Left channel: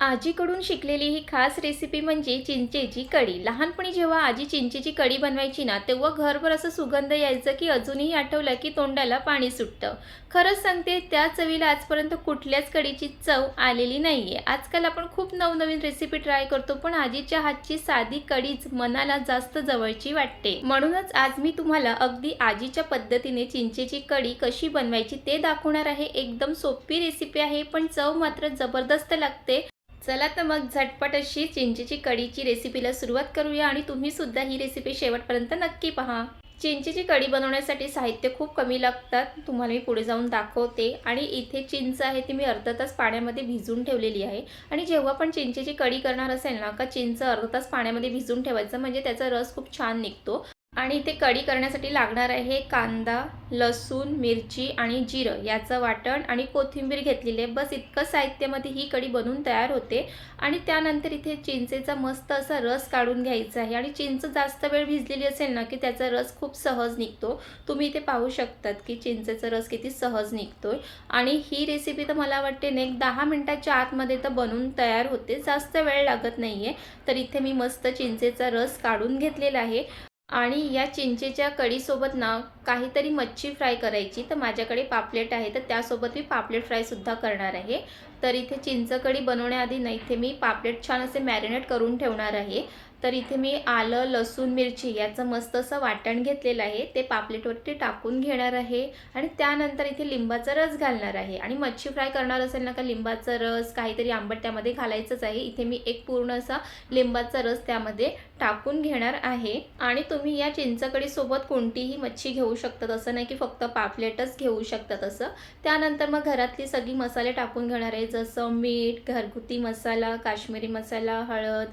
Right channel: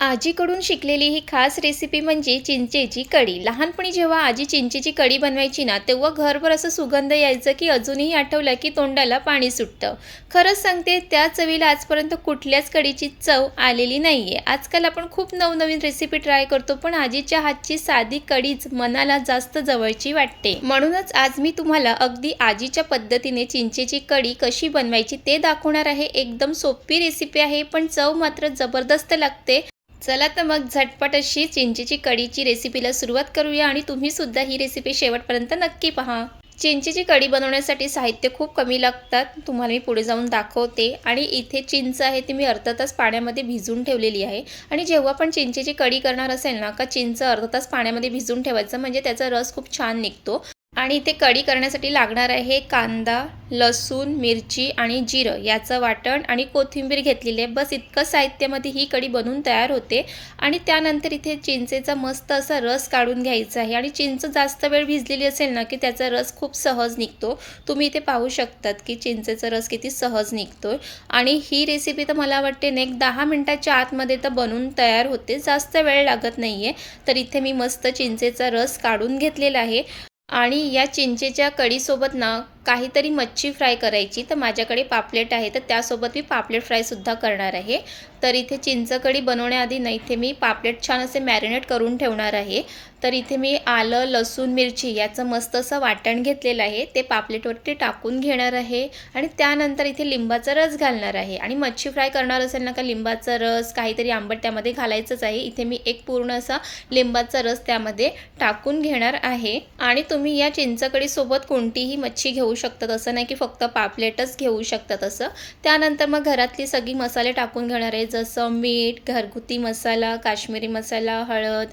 आजीकडून शिकलेली ही खास रेसिपी म्हणजे चिंचेची कढी. लहानपणी जेव्हा आजी चिंचेची कढी बनवायची ना, तेव्हा घरभर असं सुगंध यायचं की अजूनही आठवलं की तोंडाला पाणी सुटतं. खरंच सांगते, त्या चवीला आजपर्यंत कुठल्याच कढीची चव आलेली नाहीये. आजकाल आपण खूप नवनवीन रेसिपी ट्राय करतो, पण आजीच्या हातची साधी कढीच मनाला जास्त जवळची वाटते. म्हणूनच आज मी तुम्हाला अगदी आजीच्या पद्धतीने चिंचेची कढी कशी बनवायची ते दाखवणार आहे. एकदम सोपी रेसिपी आहे, पण चव मात्र जबरदस्त लागते. चला तर मग झटपट अशी चिंचेची कढीची रेसिपीला सुरुवात करूया आणि तुम्ही सुद्धा ही रेसिपी शेवटपर्यंत नक्की पहा. चिंचेची कढी बनवण्यासाठी साहित्य खूप कमी लागतात. तुम्हाला मी पुढे जाऊन दाखवते. आणि इथे चिंच आहे, ती मी अर्धा तास पाण्यामध्ये भिजवून ठेवलेली आहे. आणि जेव्हा पण चिंचेची कढी करणार असेल ना, का चिंच अर्धा तास पाण्यामध्ये भिजवून ठेवायचं, म्हणजे त्याचा रस खूप छान निघतो. आणि इथे कढी करण्यासाठी लागणार आहे कांदा, लसूण, मिरची आणि जिरं याचं वाटण आणि कोथिंबीर घेतलेली आहे. बस इतकं साहित्यामध्ये ही कढी बनवून तयार होते. आणि त्यानंतर इथे चिंचेचा मस्त असा रस काढून घ्यायचा आहे. आणि चिंच जास्त वेळ भिजलेली असेल ना, की त्याचा रस खूप सहज निघतो. तुम्ही इथे पाहू शकतात की चिंचेचा रस किती सहज निघतोय. आणि ही रेसिपी तर मला वाटते ना, एक 10 मिनिटाच्या आतमध्ये तर बनवून तयार होते, जास्त वेळ लागत नाहीये. तर इथे मी मस्त चिंचेचा रस काढून घेतलेला आहे. आणि या चिंचेच्या कढीसोबत ना काहीतरी मच्छी फ्राय करायची, तर माझ्याकडे पापलेट आहे, तर त्यासोबत मी पापलेट फ्रायसुद्धा करणार आहे. तर इथे चिंच कढी बनवण्याआधी ना इथे मी पापलेट छान असे मॅरिनेट करून ठेवणार आहे. तर इथे मी आलं, लसूण, मिरची याचं मस्त असं वाटण घेतलेलं आहे, ते पापलेटवरती टाकून घेणार आहे. आणि त्यानंतर इथे लिंबाचा रस घालणार आहे. आणि मच्छी फ्राय करणार असेल ना, का लिंबाचा रस काहीतरी आंबट त्यामध्ये घालायचंच आहे. इथे मी एक पूर्ण असा लिंबाचा रस त्यामध्ये टाकून घेणार आहे. आणि तुम्ही या चिंचकढीसोबत कोणतीही मच्छी घेऊ शकतात, असं नाही की फक्त पापलेटच घेऊ शकतात असं. त्यानंतर मग घरातली सगळी मसाले टाकून घेणार आहे, जसं मीठ, घरगुती मसाला, काश्मीरी मसाला, हळद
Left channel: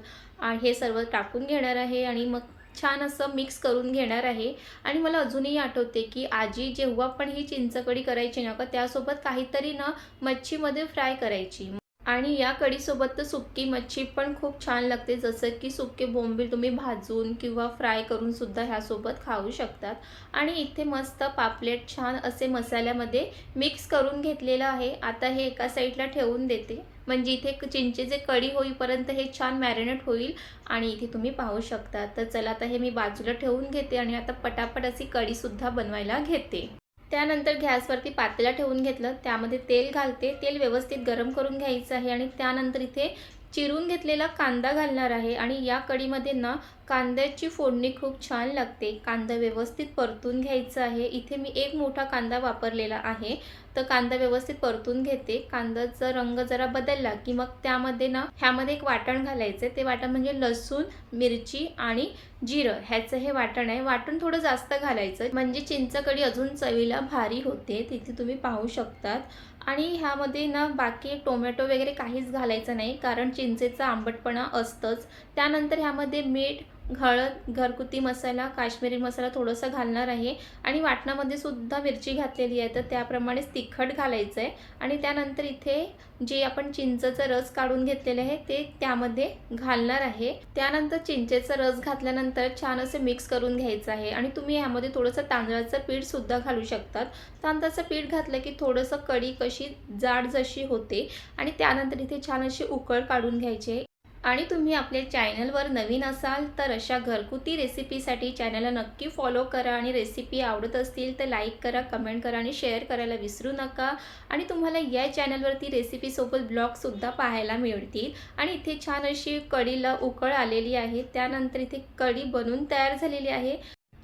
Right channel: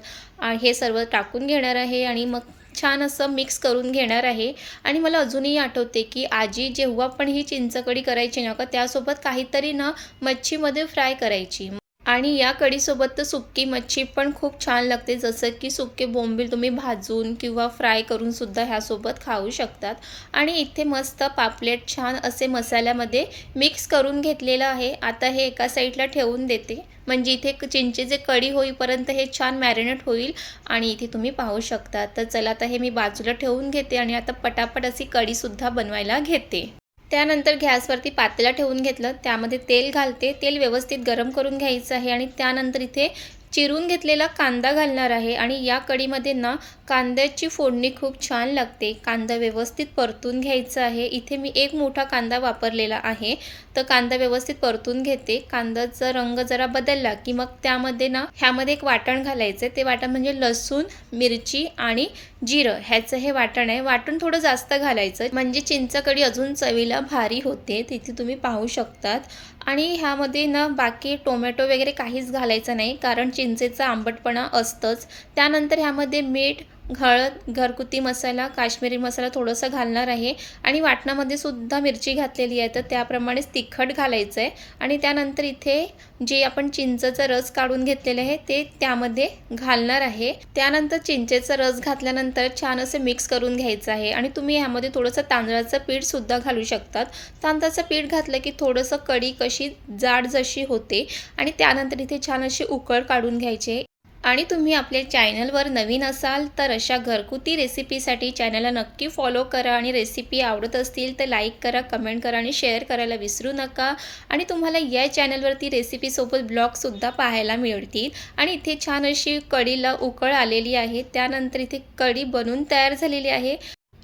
हे सर्व टाकून घेणार आहे. आणि मग छान असं मिक्स करून घेणार आहे. आणि मला अजूनही आठवते की आजी जेव्हा पण ही चिंचकढी करायची ना, का त्यासोबत काहीतरी ना मच्छीमध्ये फ्राय करायची. आणि या कढीसोबत तर सुक्की मच्छी पण खूप छान लागते, जसं की सुके बोंबील तुम्ही भाजून किंवा फ्राय करून सुद्धा ह्यासोबत खाऊ शकतात. आणि इथे मस्त पापलेट छान असे मसाल्यामध्ये मिक्स करून घेतलेलं आहे. आता हे एका साईडला ठेवून देते, म्हणजे इथे चिंचेचे कढी होईपर्यंत हे छान मॅरिनेट होईल. आणि इथे तुम्ही पाहू शकता. तर चला, आता हे मी बाजूला ठेवून घेते आणि आता पटापट अशी कढीसुद्धा बनवायला घेते. त्यानंतर गॅसवरती पातेलं ठेवून घेतलं, त्यामध्ये तेल घालते. तेल व्यवस्थित गरम करून घ्यायचं आहे. आणि त्यानंतर इथे चिरून घेतलेला कांदा घालणार आहे. आणि या कढीमध्ये ना कांद्याची फोडणी खूप छान लागते. कांदा व्यवस्थित परतून घ्यायचा आहे. इथे मी एक मोठा कांदा वापरलेला आहे, तर कांदा व्यवस्थित परतून घेते. कांद्याचा रंग जरा बदलला की मग त्यामध्ये ना ह्यामध्ये एक वाटण घालायचं आहे. ते वाटण म्हणजे लसूण, मिरची आणि जिरं ह्याचं हे वाटण आहे. वाटण थोडं जास्त घालायचं, म्हणजे चिंचकढी अजून चवीला भारी होते. तिथे तुम्ही पाहू शकतात. आणि ह्यामध्ये ना बाकी टोमॅटो वगैरे काहीच घालायचं नाही, कारण चिंचेचा आंबटपणा असतंच. त्यानंतर ह्यामध्ये मीठ, हळद, घरगुती मसाला, काश्मीरी मसाला थोडंसं घालणार आहे. आणि वाटणामध्ये सुद्धा मिरची घातलेली आहे, तर त्याप्रमाणेच तिखट घालायचं आहे. आणि त्यानंतर इथे जे आपण चिंचेचा रस काढून घेतलेले आहे ते त्यामध्ये घालणार आहे. त्यानंतर चिंचेचा रस घातल्यानंतर छान असे मिक्स करून घ्यायचं आहे. आणि तुम्ही ह्यामध्ये थोडंसं तांदळाचं पीठसुद्धा घालू शकतात. तांदळाचं पीठ घातलं की थोडंसं कढी कशी जाड जशी होते. आणि त्यानंतर इथे छान अशी उकळ काढून घ्यायची. आणि तुम्ही आपल्या चॅनलवर नवीन असाल तर अशा घरगुती रेसिपीसाठी चॅनलला नक्की फॉलो करा. आणि रेसिपी आवडत असतील तर लाईक करा, कमेंट करा आणि शेअर करायला विसरू नका. आणि तुम्हाला या चॅनलवरती रेसिपीसोबत ब्लॉगसुद्धा पाहायला मिळतील. आणि इथे छान अशी कढीला उकळ आलेली आहे. त्यानंतर इथे कढी बनून तयार झालेली आहे.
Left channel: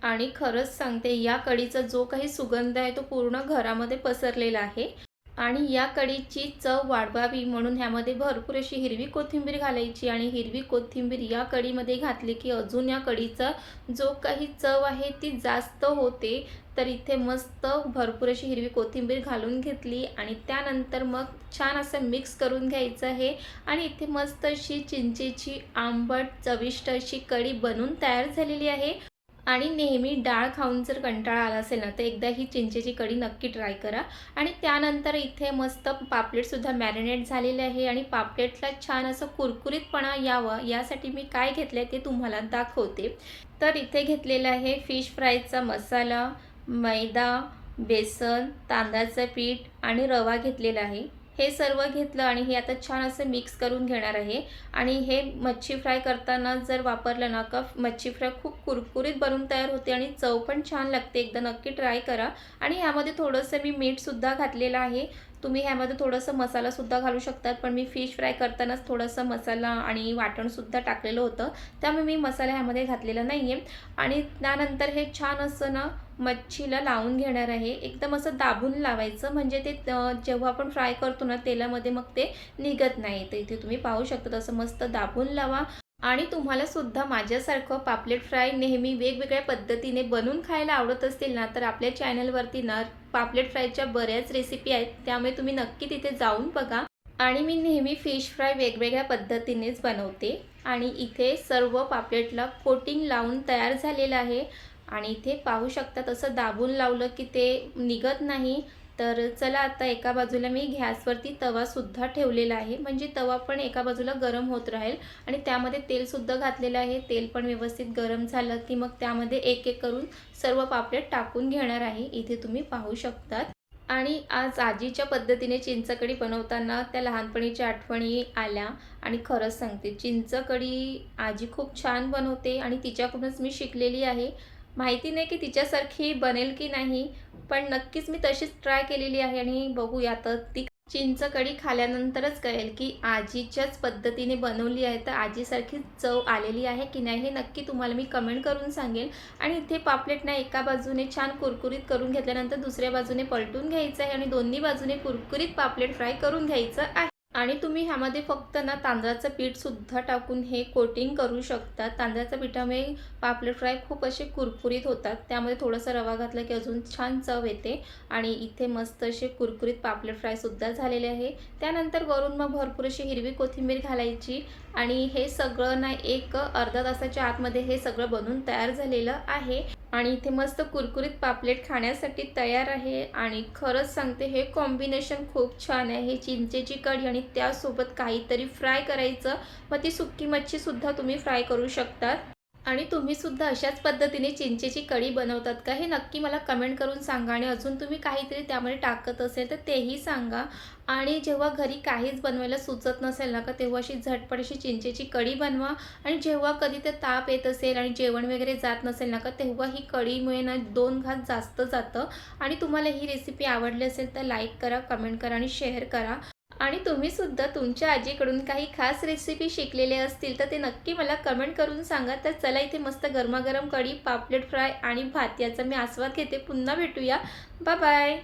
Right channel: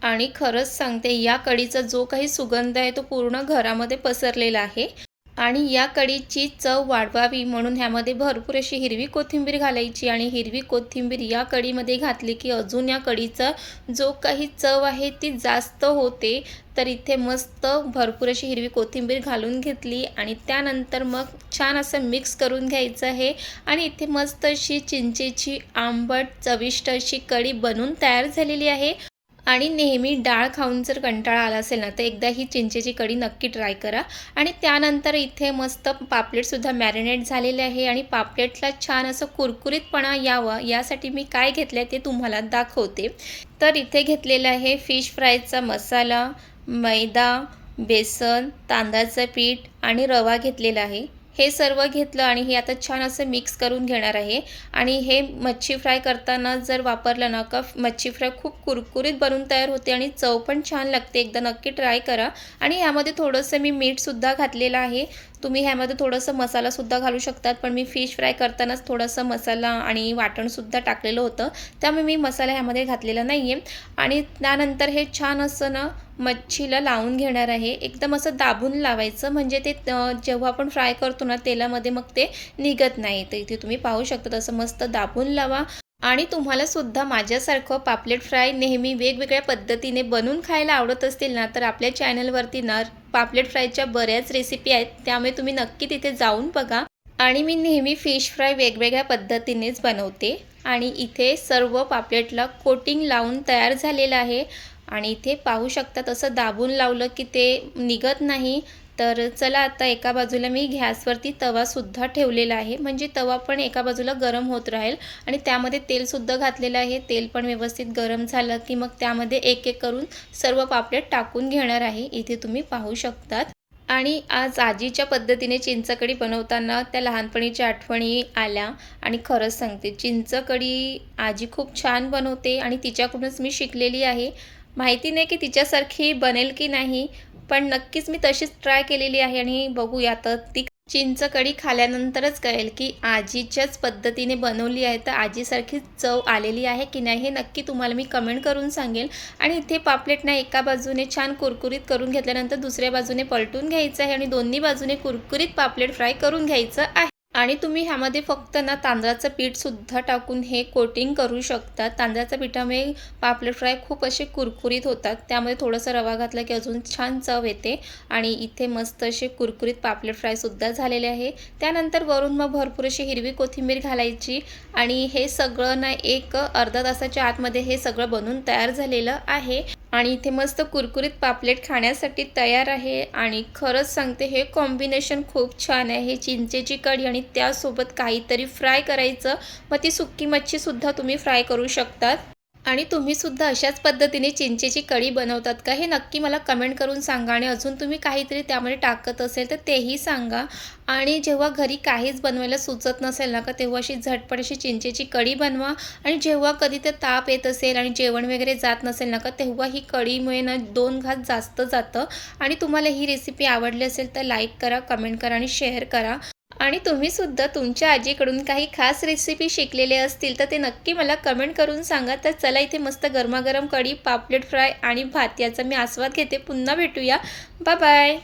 आणि खरंच सांगते, या कढीचा जो काही सुगंध आहे तो पूर्ण घरामध्ये पसरलेला आहे. आणि या कढीची चव वाढवावी म्हणून ह्यामध्ये भरपूर अशी हिरवी कोथिंबीर घालायची. आणि हिरवी कोथिंबीर या कढीमध्ये घातली की अजून या कढीचा जो काही चव आहे ती जास्त होते. तर इथे मस्त भरपूर अशी हिरवी कोथिंबीर घालून घेतली. आणि त्यानंतर मग छान असं मिक्स करून घ्यायचं आहे. आणि इथे मस्त अशी चिंचेची आंबट चविष्ट अशी कढी बनून तयार झालेली आहे. आणि नेहमी डाळ खाऊन जर कंटाळा आला असेल ना, तर एकदा ही चिंचेची कढी नक्की ट्राय करा. आणि त्यानंतर इथे मस्त पापलेटसुद्धा मॅरिनेट झालेले आहे. आणि पापलेटला छान असं कुरकुरीतपणा यावं यासाठी मी काय घेतलं आहे ते तुम्हाला दाखवते. तर इथे घेतलेला आहे फिश फ्रायचा मसाला, मैदा, बेसन, तांदळाचं पीठ आणि रवा घेतलेला आहे. हे सर्व घेतलं आणि हे आता छान असं मिक्स करून घेणार आहे. आणि हे मच्छी फ्राय करताना जर वापरलं ना का मच्छी फ्राय खूप कुरकुरीत बनून तयार होते आणि चव पण छान लागते. एकदा नक्की ट्राय करा. आणि ह्यामध्ये थोडंसं मी मीठसुद्धा घातलेलं आहे. तुम्ही ह्यामध्ये थोडंसं मसालासुद्धा घालू शकतात, पण मी फिश फ्राय करतानाच थोडंसं मसाला आणि वाटणसुद्धा टाकलेलं होतं, त्यामुळे मी मसाला ह्यामध्ये घातलेला नाही आहे. आणि त्यानंतर हे छान असं ना मच्छीला लावून घेणार आहे. एकदम असं दाबून लावायचं, म्हणजे ते जेव्हा आपण फ्राय करतो ना तेलामध्ये मग ते निघत नाही. तर इथे तुम्ही पाहू शकता तसं मस्त दाबून लावा. आणि तुम्हाला सुद्धा माझ्यासारखं पापलेट फ्राय नेहमी वेगवेगळ्या पद्धतीने बनवून खायला आवडत असतील ना, तर आपल्या चॅनलवरती ना पापलेट फ्रायच्या बऱ्याच रेसिपी आहेत, त्यामुळे तुम्ही नक्की तिथे जाऊन बघा. आणि मी नेहमी फिश फ्राय वेगवेगळ्या पद्धतीनेच बनवते. आणि इथे सर्व पापलेटला कोटिंग लावून तयार झालेलं आहे. आणि इथे पाहू शकता तसं दाबून लावलं की ते निघत नाही. तर चला आता एका बाजूला मी गॅसवरती तवासुद्धा ठेवलेला आहे, म्हणजे तवा पण एका बाजूला गरम होत राहील. आणि त्यामध्ये तेलसुद्धा घातलेलं आहे. तेल पण व्यवस्थित गरम झालं की मग त्यामध्ये एक एक करून सर्व पापलेट टाकून घेणार आहे. इथे तुम्ही पाहू शकतात. आणि आज आजीच्या पद्धतीने चिंचकढी बनवताना त्या लहानपणीच्या आठवणी आल्या. आणि खरंच सांगते, चिंचकढी आजी खूप छान बनवते आणि तिच्याकडूनच मी शिकलेली आहे. माहिती नाही की तिच्यासारखी बनेल की नाही, पण नक्कीच मी तशीच ट्राय केलेली आहे. आणि बघूया आता ती चिंचकढी खाल्ल्यानंतरच कळेल की आजीच्याच पद्धतीने बनवली आहे, तर आजीसारखी चव आलेली आहे की नाही, हे नक्की तुम्हाला मी कमेंट करून सांगेल. आणि इथे पापलेट ना एका बाजूने छान कुरकुरीत करून घेतल्यानंतर दुसऱ्या बाजूने पलटून घ्यायचं आहे आणि दोन्ही बाजूने कुरकुरीत पापलेट फ्राय करून घ्यायचं आहे. आणि तुम्ही ह्यामध्ये फक्त ना तांदळाचं पीठसुद्धा टाकून हे कोटिंग करू शकता. तांदळाच्या पिठामुळे पापलेट फ्राय खूप असे कुरकुरीत होतात. त्यामध्ये थोडंसं रवा घातला की अजून छान चव येते. आणि इथे मस्त असे कुरकुरीत पापलेट फ्रायसुद्धा झालेले आहे. त्यानंतर वरून मग भरपूर अशी हिरवी कोथिंबीर घालायची. आणि हे सगळं ना एक अर्धा तासाच्या आतमध्ये हे सगळं बनून तयार झालेलं आहे. आणि इथे मस्त कुरकुरीत पापलेट खाण्यासाठी तयार आहे. आणि खरंच सांगते, हे कॉम्बिनेशन खूप छान आहे. चिंचेची कढी आणि त्यासोबत काहीतरी फ्राय करायचं, मग ती सुक्की मच्छीसुद्धा तुम्ही फ्राय करू शकतात. आणि तुम्हीसुद्धा अशाच पद्धतीने चिंचेची कढी बनवतात का, हे नक्की मला कमेंट करून सांगा. आणि अजून तुम्ही काहीतरी त्यामध्ये टाकत असेल तर तेही सांगा. आणि जेव्हा घरी काहीच बनवायला सुचत नसेल ना का, तेव्हा अशी झटपट अशी चिंचेची कढी बनवा. आणि जेव्हा कधी ते ताप येत असेल आणि जेवण वगैरे जात नसेल ना का, तेव्हा ही कढीमुळे ना 2 घास जास्त जातं. आणि तुम्हाला ही रेसिपी आवडली असेल तर लाईक करा, कमेंट करा आणि शेअर करा. आणि तुम्हीसुद्धा तुमच्या आजीकडून काही खास रेसिपी शिकलेले असतील तर ते नक्की मला कमेंट करून सांगा. तर चला, इथे मस्त गरमागरम कढी, पापलेट फ्राय आणि भात याचा मी आस्वाद घेते. पुन्हा भेटूया. Bye bye.